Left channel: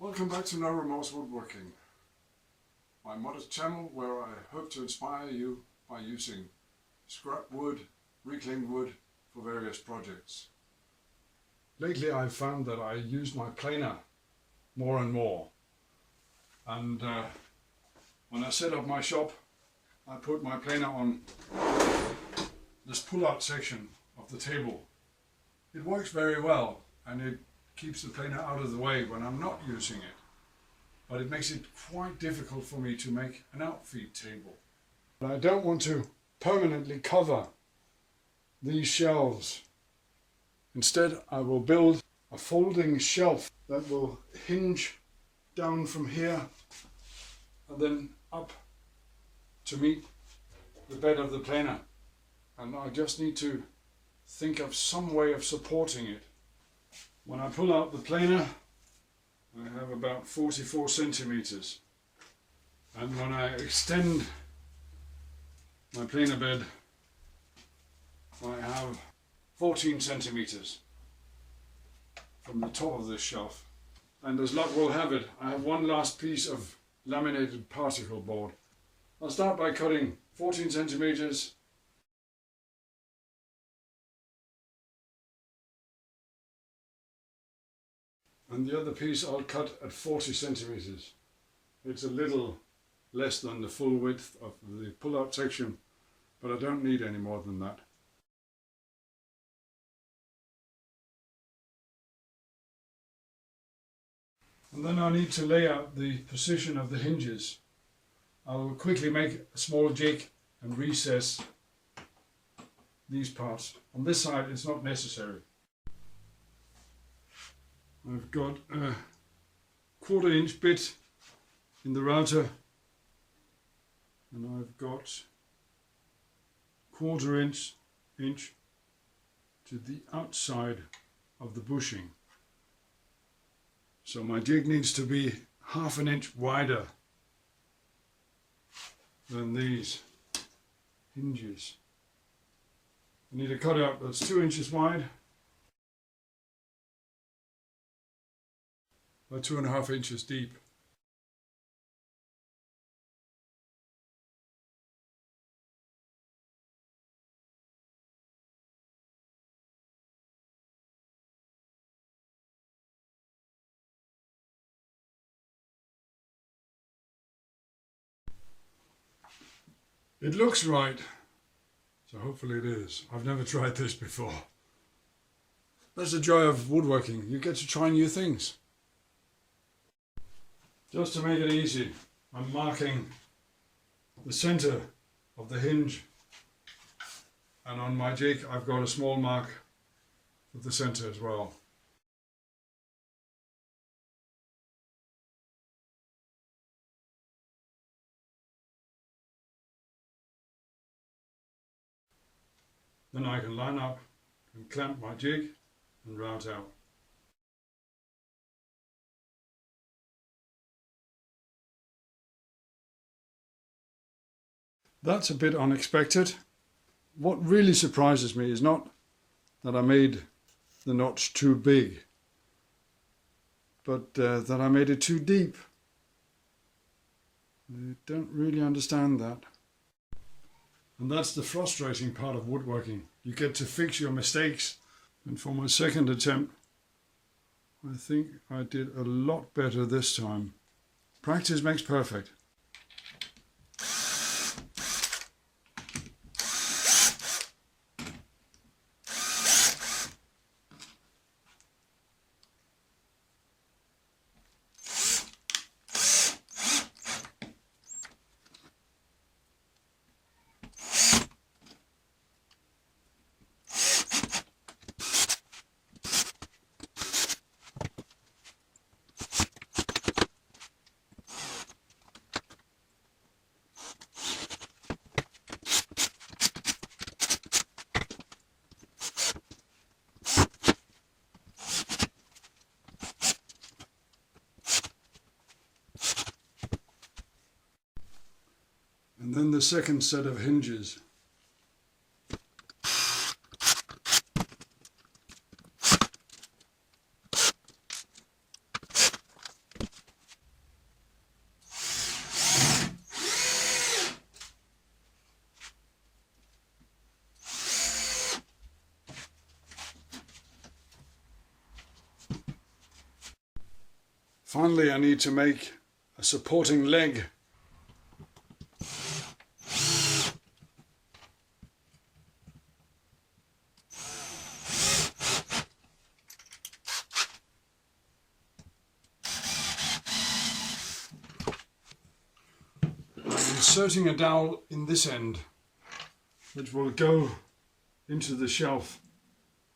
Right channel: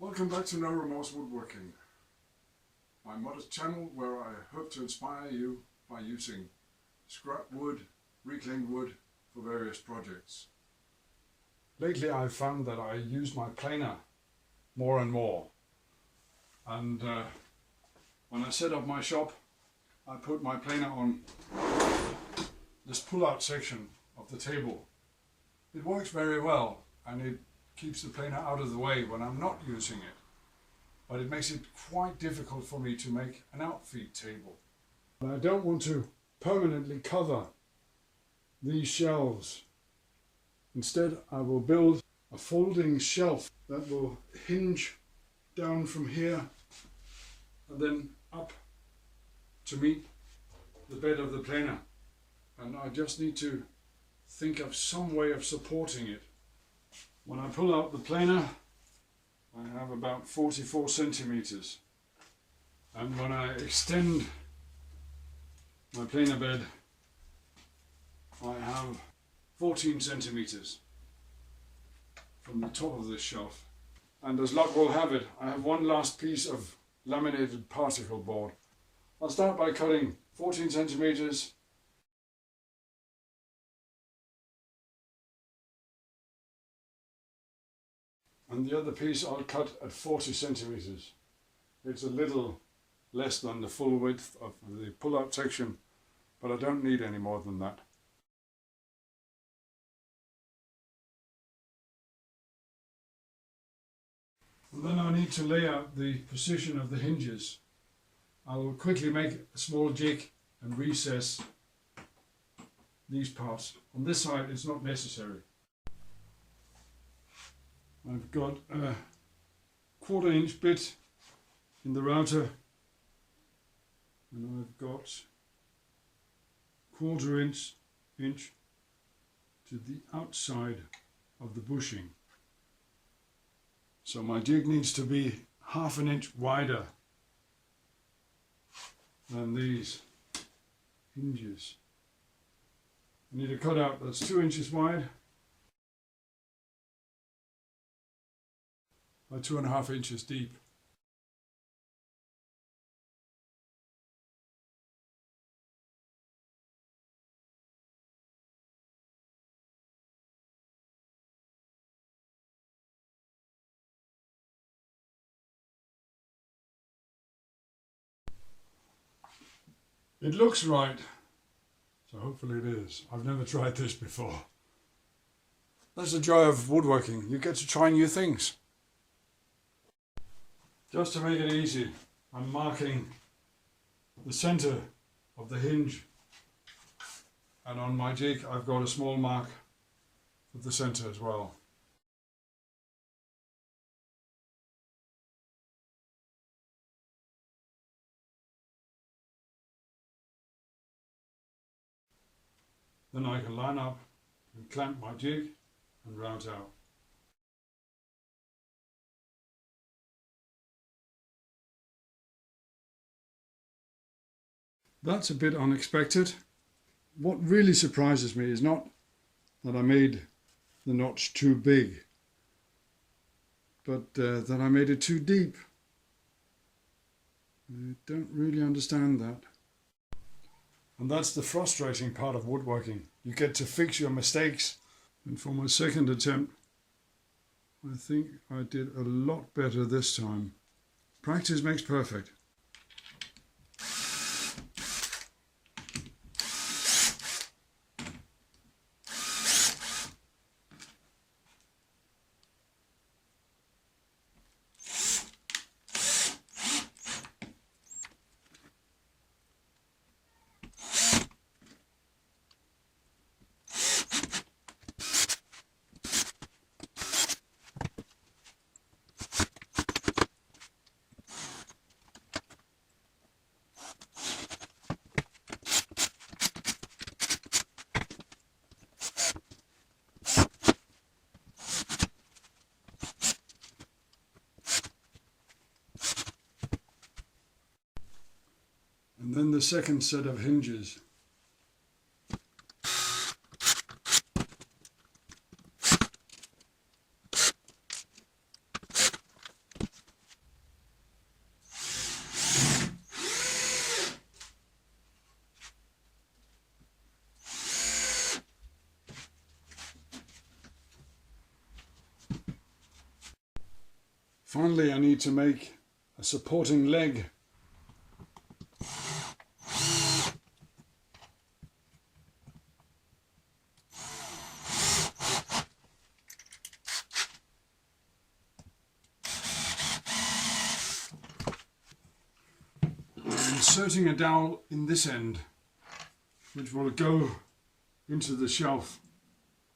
Welcome back to No Remorse Woodworking, my modest channel where I hope to inspire you by using scrap wood, reclaimed wood for various projects. Lately I've found that I use my planer more and more, and when I set up my shop I put my planer on this pull-out section of the table. It works very well and it keeps the planer out of the way when I'm not using it, but it makes it quite difficult for me to make an outfeed table. But I don't want to permanently cover these shelves. Instead I will build a folding shelf that will hinge down from here and then up to meet the bed of the planer, and I just need to think of some way of supporting it. When I pull out the planer I have about 44 centimeters, and when I extend my planer bed I have 14 centimeters from the top of this shelf. And as luck will have it, I have one last piece of laminated particle board. I'll start by cutting 14 centimeters and the other piece I'll cut at 40 centimeters. It's a little less than the full width of the pull-out section, but I don't need any more than that. And then I need to lay out the position of the hinges. I'll quickly make a small jig and recess these parts. On this side it's not necessary. I've got a 1/4 inch bit in the router, and I've got 1/4 inch to the outside of the bushing. So my jig needs to be 1/2 inch wider than these hinges. I need a cutout that's 2 inches wide by 2.5 inches deep. It looks right, so hopefully it is. I've never tried this before. That's the joy of woodworking. You get to try new things. Just to make it easy, I'm marking the center of the hinge, and on my jig I've got a small mark for the center as well. Then I can line up and clamp my jig and route out. That's a bit unexpected. What really surprises me is not that I made the notch too big, but that I made it too deep. I don't really understand that. And that's the frustrating part of woodworking. You get to fix your mistakes. And for my second attempt, I think I did a lot better this time. Practice makes perfect. And then the second set of hinges. Finally, I need to make a supporting leg. I'm inserting a dowel in this end, which will go into the shelf,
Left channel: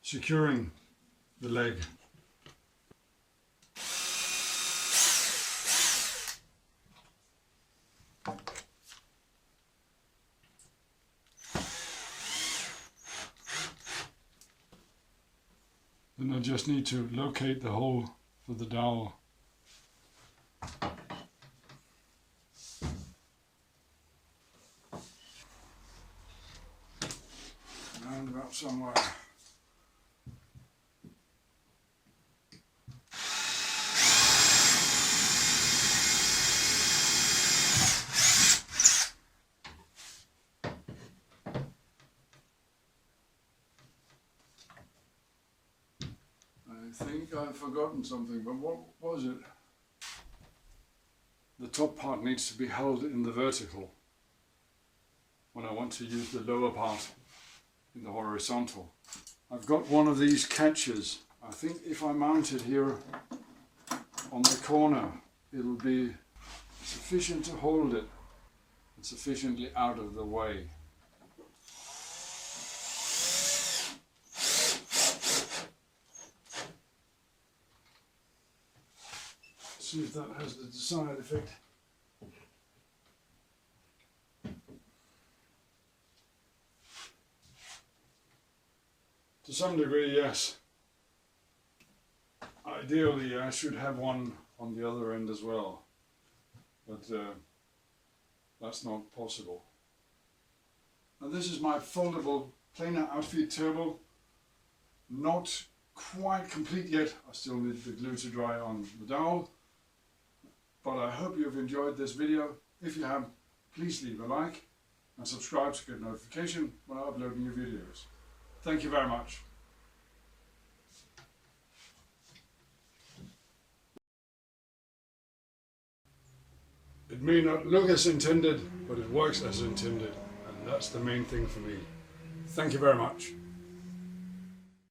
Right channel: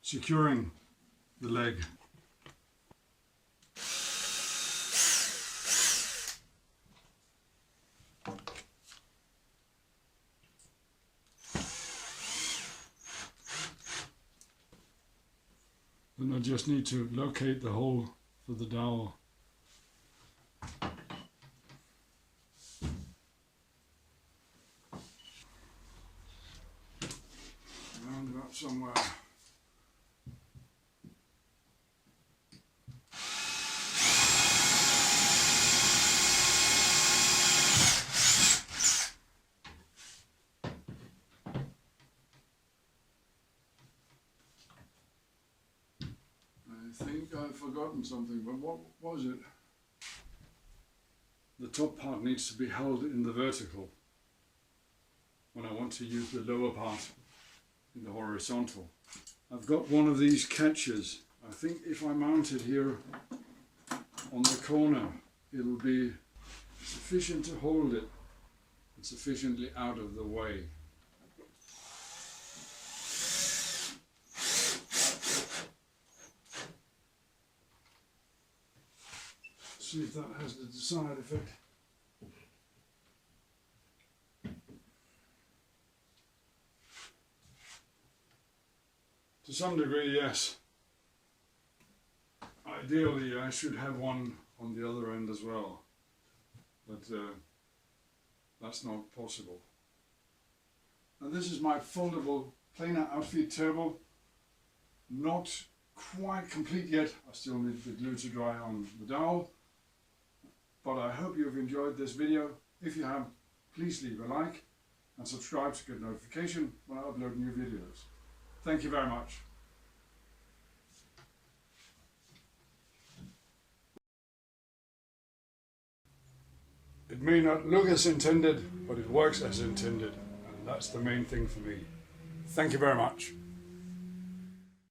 securing the leg. Then I just need to locate the hole for the dowel. Round about somewhere. I think I've forgotten something, but what was it? The top part needs to be held in the vertical when I want to use the lower part in the horizontal. I've got one of these catches. I think if I mount it here on the corner, it'll be sufficient to hold it and sufficiently out of the way. See if that has the desired effect. To some degree, yes. Ideally, I should have one on the other end as well, but that's not possible. And this is my foldable planer outfeed turbo. Not quite complete yet. I still need the glue to dry on the dowel. But I hope you've enjoyed this video. If you have, please leave a like and subscribe to get notification when I upload new videos. Thank you very much. It may not look as intended, but it works as intended, and that's the main thing for me. Thank you very much.